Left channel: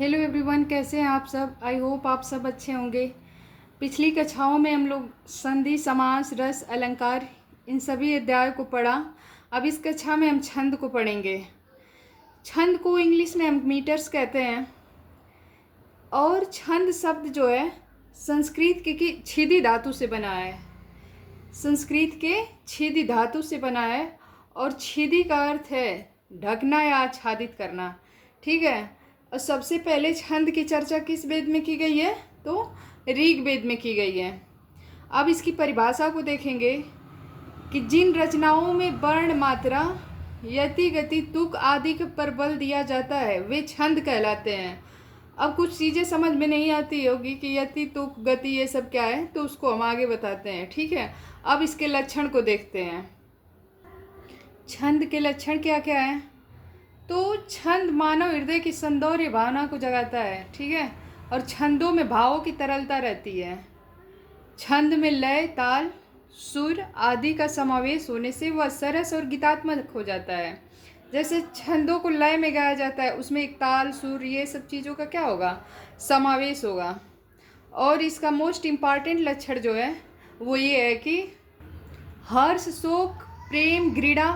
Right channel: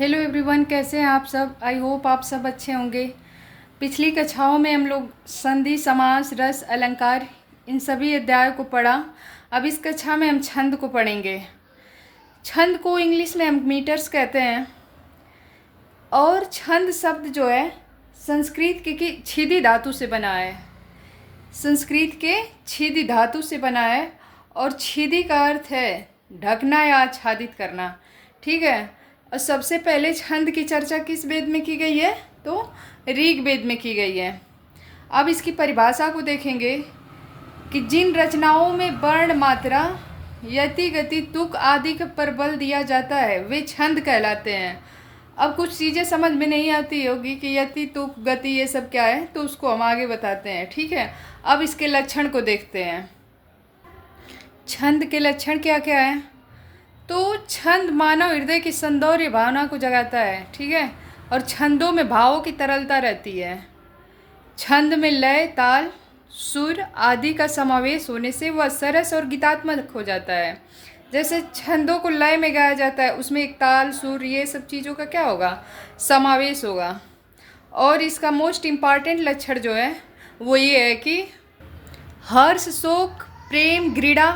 Hello everyone, कैसे हैं आप सब। आई होप आप सब अच्छे होंगे। पिछली कक्षाओं में हम लोग संधि, समास, रस, अलंकार इन सभी अध्यायों को पढ़ा। अब इस कक्षा में हम छंद को पढ़ेंगे। छंद को इंग्लिश में हम मीटर्स कहते हैं। और छंद शब्द जो है संस्कृत के छिदि धातु से बना है। संस्कृत के छिदि धातु से बना है और छिदि का अर्थ है ढकना या आच्छादित करना। ठीक है। और सबसे पहले छंद की चर्चा किस वेद में की गई है? तो ऋग वेद में की गई है। अब इसकी परिभाषा को देखेंगे कि जिन रचनाओं में वर्ण, मात्रा, यति, गति, तुक आदि पर बल दिया जाता है वे छंद कहलाते हैं। अब कुछ चीज़ें समझ में नहीं आती होगी कि यति, तुक, गति ये सब क्या है, तो उसको हम आगे बताते हैं। ठीक है। अब इसके लक्षण को देखते हैं। छंद के लक्षण क्या क्या है? तो छंद मानव हृदय की सौंदर्य भावना को जगाता है। ठीक है। और छंदों में भावों की तरलता रहती है। छंद में लय, ताल, सुर आदि का समावेश होने से वह सरस और गीतात्मक हो जाता है। जैसे छंदों को लय में गाया जाता है, उसमें एक ताल, सुर, ये सब चीज़ों का क्या होगा? समावेश होगा। और इसका मोस्ट इम्पॉर्टेंट लक्षण जो है वो ये है कि हर्ष, शोक, प्रेम, घृणा,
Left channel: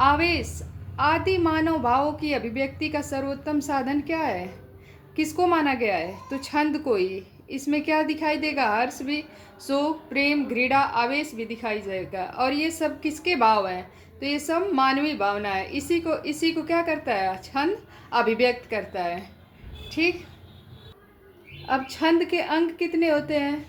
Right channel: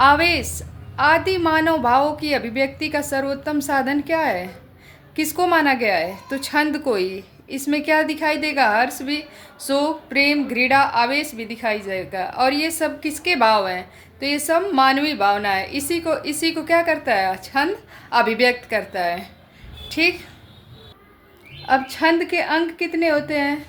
आवेश आदि मानव भावों की अभिव्यक्ति का सर्वोत्तम साधन क्या है? किसको माना गया है? तो छंद को ही। इसमें क्या दिखाई देगा? हर्ष भी, शोक, प्रेम, घृणा, आवेश भी दिखाई देगा। और ये सब किसके भाव हैं? तो ये सब मानवीय भावना है। इसी को क्या करता है? छंद अभिव्यक्त करता है। ठीक। अब छंद के अंग कितने होते हैं,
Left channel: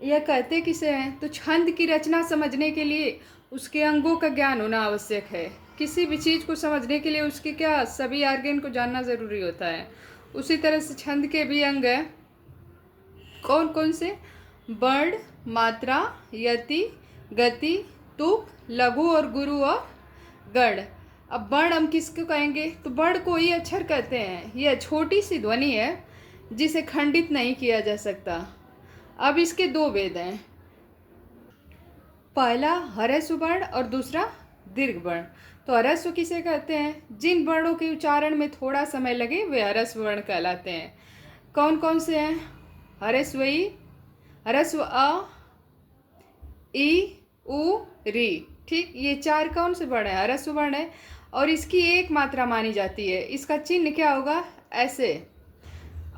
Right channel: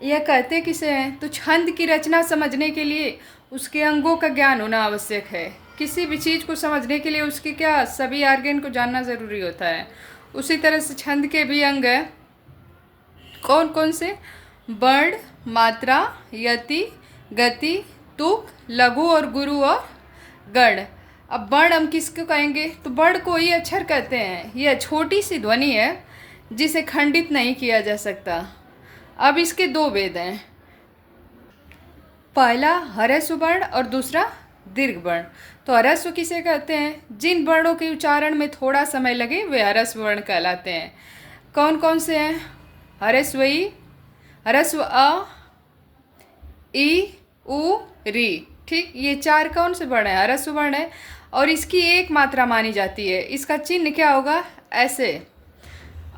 यह कहते किसे हैं? तो छंद की रचना समझने के लिए उसके अंगों का ज्ञान होना आवश्यक है। किसी भी चीज़ को समझने के लिए उसके क्या सभी आर्गन को जानना ज़रूरी होता है। उसी तरह से छंद के भी अंग हैं। कौन कौन से? वर्ण, मात्रा, यति, गति, तुक, लघु और गुरु और गण। अब वर्ण हम किसको कहेंगे? तो वर्ण को ही अक्षर कहते हैं। यह छोटी सी ध्वनि है जिसे खंडित नहीं किया जा सकता। अब इसके दो भेद हैं। पहला ह्रस्व वर्ण और दूसरा दीर्घ वर्ण। तो ह्रस्व किसे कहते हैं? जिन वर्णों के उच्चारण में थोड़ा समय लगे वे ह्रस्व वर्ण कहलाते हैं। कौन कौन से हैं? ह्रस्व ई, ह्रस्व अ, ई, उ, री। ठीक। ये चार कौन से वर्ण है? ह्रस्व वर्ण है। और इसकी एक मात्रा मानी जाती है। इसका चिन्ह क्या होगा? ऐसे।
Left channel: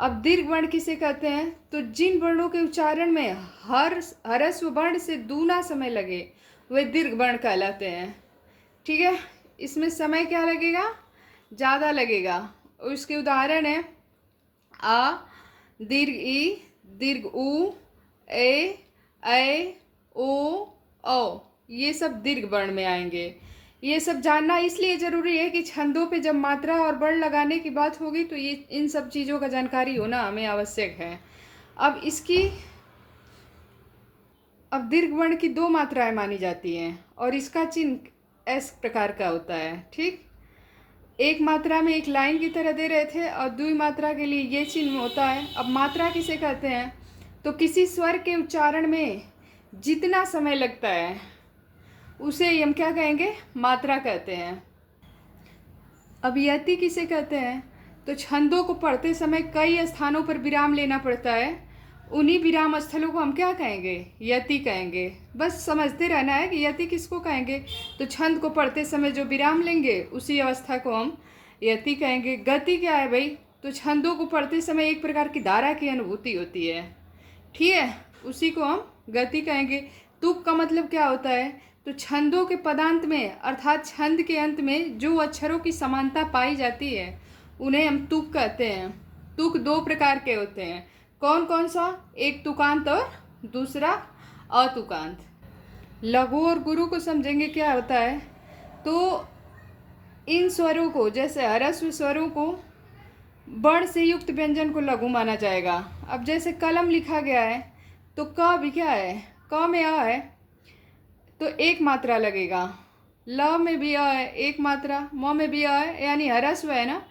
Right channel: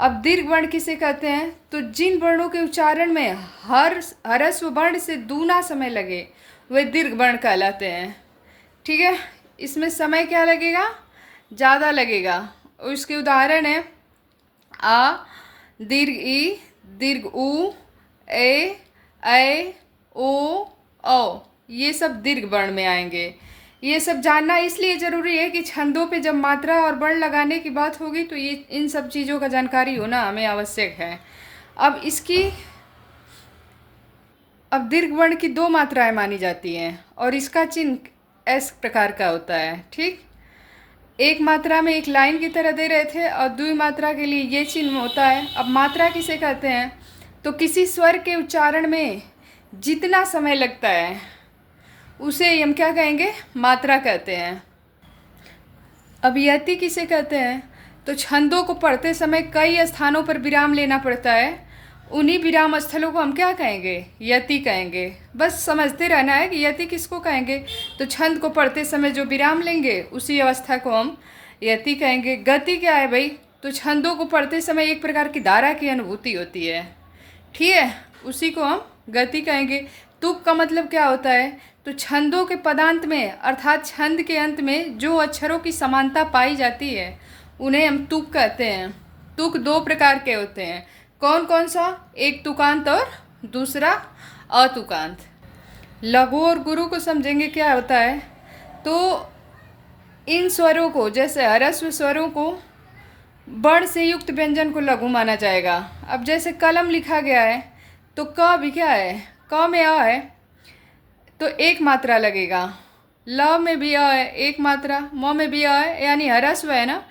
अब दीर्घ वर्ण किसे कहते हैं? तो जिन वर्णों के उच्चारण में ह्रस्व वर्ण से दूना समय लगे वे दीर्घ वर्ण कहलाते हैं। ठीक है। इसमें समय क्या लगेगा? ज़्यादा लगेगा। और इसके उदाहरण है आ, दीर्घ ई, दीर्घ उ, ए, ओ, औ। ये सब दीर्घ वर्ण में आएंगे। ये सब जानना इसलिए ज़रूरी है कि छंदों पे जब मात्रा और वर्ण लगाने की बात होगी तो ये इन सब चीज़ों का जानकारी होना हमें आवश्यक है। अब दीर्घ वर्ण की दो मात्राएं मानी जाती हैं और इसका चिन्ह इस प्रकार का होता है। ठीक। एक मात्रा में एक लाइन की तरह दे रहे थे और द्वि मात्रा के लिए ये चिन्ह होता है। अब मात्रा किसे कहते हैं? तो किसी स्वर के उच्चारण में जितना समय लगता है उसे हम क्या कहेंगे? मात्रा कहते हैं। अब यति किसे कहते हैं? तो छंदों को पढ़ते समय कई स्थानों पर विराम लेना पड़ता है। उन्हीं विराम स्थलों को हम क्या कहेंगे? यति कहेंगे। बस समझते रहना है कि यति किसको कहेंगे। तो छंद को पढ़ते समय जो विराम लेंगे उसी अवस्था को हम यति कहेंगे। गति क्या है भाई? तो छंदों को पढ़ते समय एक प्रकार की धारा की अनुभूति होती है। ठीक है। उसी को हम गति कहेंगे। तुक का मतलब क्या होता है? तो छंदों के पदांत में अर्थात छंद के अंत में जो अक्षरों की समानता पाई जाती है उन्हें हम तुक कहते हैं। तुक दो प्रकार के होते हैं। कौन कौन सा? एक तुकांत और दूसरा अतुकांत। लघु और गुरु को समझेंगे क्या होता है। तो इन स्वरों को, जैसे ह्रस्व स्वरों को वर्ण से युक्त व्यंजन को लघु माना जाएगा। अब जैसे कलम लिखा गया है तो क भी क्या है? क में अ है तो एक मात्रा लगेगा। ल में भी अ है, एक मात्रा। म में भी अ है, यानी ह्रस्व है ना।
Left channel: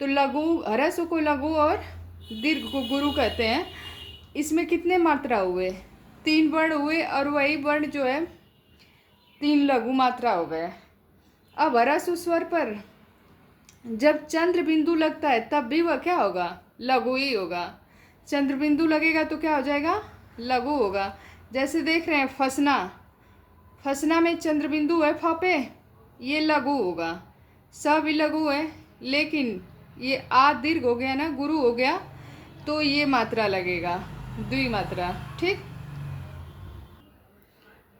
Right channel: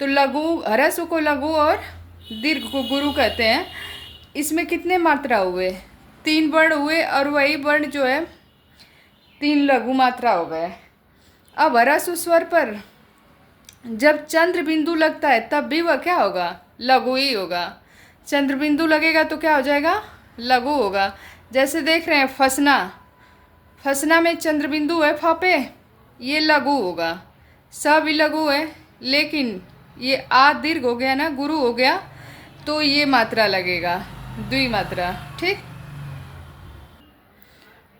तो लघु, ह्रस्व को लघु और दीर्घ को गुरु कहते हैं। इसमें कितने मात्रा हुए? 3 वर्ण हुए और वही वर्ण जो है 3 लघु मात्रा हो गए। अब ह्रस्व स्वर पर जब चंद्र बिंदु लगता है तब भी वह क्या होगा? लघु ही होगा। चंद्रबिंदु लगेगा तो क्या हो जाएगा, लघु होगा। जैसे देख रहे हैं फसना, फसना में चंद्रबिंदु है फ पे, ये लघु होगा। स भी लघु है, लेकिन ये आ दीर्घ हो गया ना, गुरु हो गया, तो ये मात्रा लगेगा, द्विमात्रा। ठीक।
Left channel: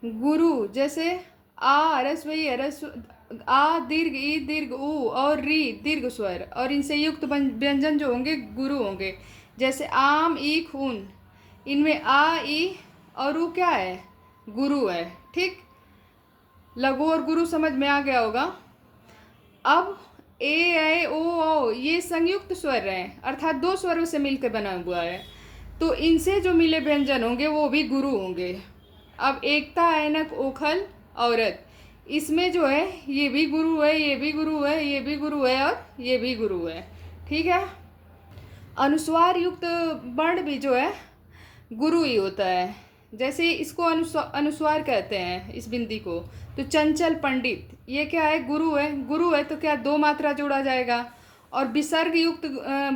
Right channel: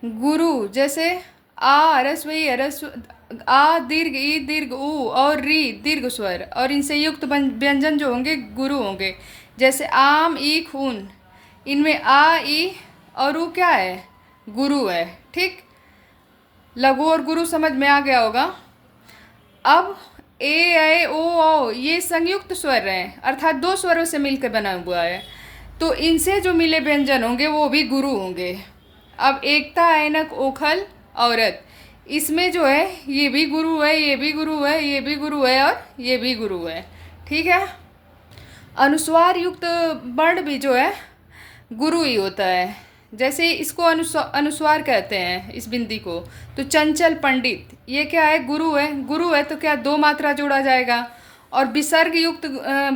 गुरु जैसे आ ह्रस्व ई ह्रस्व, आ दीर्घ ई दीर्घ ऊ और री दीर्घ स्वर, और इनसे युक्त व्यंजन जो होंगे गुरु होंगे। जैसे आम ई खून, इनमें आ ई और ऊ क्या है, गुरु है। ठीक। लघु और गुरु समझ में आ गया होगा। अब ए ओ औ ये संयुक्त स्वर हैं, अर्थात दो स्वरों से मिलकर बना हुआ है, तो इनसे जो मिले व्यंजन होंगे वो भी गुरु होंगे। अब एकता ऐनक ओखल औरत, इसमें जो है ये भी गुरु है, ये भी गुरु है, ये भी गुरु है और ये भी गुरु है। ठीक है। अनुस्वार युक्त वर्ण भी जो है गुरु ही होता है। जैसे इसको अनुस्वार कहते हैं इस बिंदी को, तो चंचल पंडित, ये क्या है, गुरु है। गुरु है तो क्या दो मात्रा जोड़ा जाएगा, और विसर्ग युक्त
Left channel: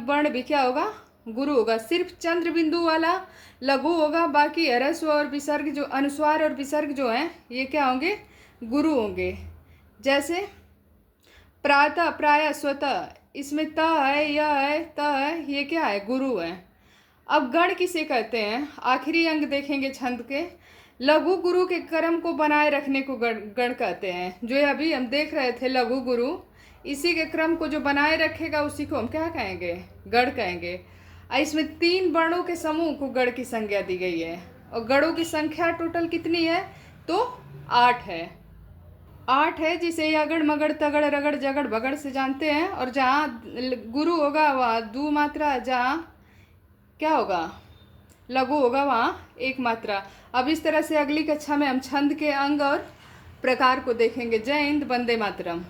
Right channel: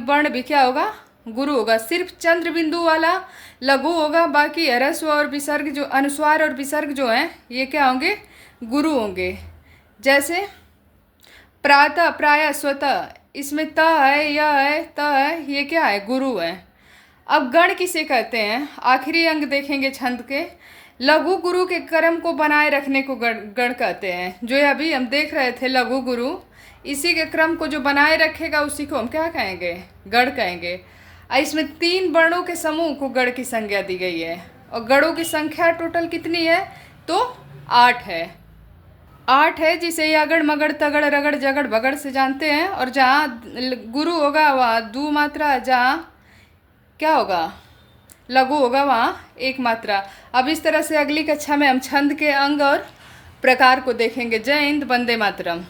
वर्ण भी क्या होगा, गुरु होगा। सिर्फ चंद्र बिंदु वाला लघु होगा, बाकी ह्रस्व और विसर्ग जो अनुस्वार और विसर्ग जो हैं ये क्या होंगे, गुरु होंगे। जैसे प्रातः प्रायः स्वतः, इसमें त है, य है, त है, ये क्या है, गुरु है। अब गण किसे कहते हैं, आखिरी अंग देखेंगे छंद के। लघु गुरु के क्रम को बनाए रखने को गण कहते हैं। जो अभी हम देख रहे थे लघु गुरु, इसी के क्रम को जो बनाए रखेगा उसी को हम क्या कहेंगे, गण कहेंगे। इसमें 3 वर्णों के समूह को गण की संज्ञा दी गई है, और गणों की संख्या टोटल कितनी है, तो 8 है। 8 है, जिसे यागड़ मगड़ तगड़ रगड़ जगड़ बगड़ से जानते हैं। और जहाँ गुरु होगा वहाँ दो मात्रा, जहाँ क्या होगा, लघु होगा वहाँ एक मात्रा। अब इस तरह से अगली कक्षा में हम छंद के अंग और प्रकार को देखेंगे। जय हिंद, वंदे मातरम।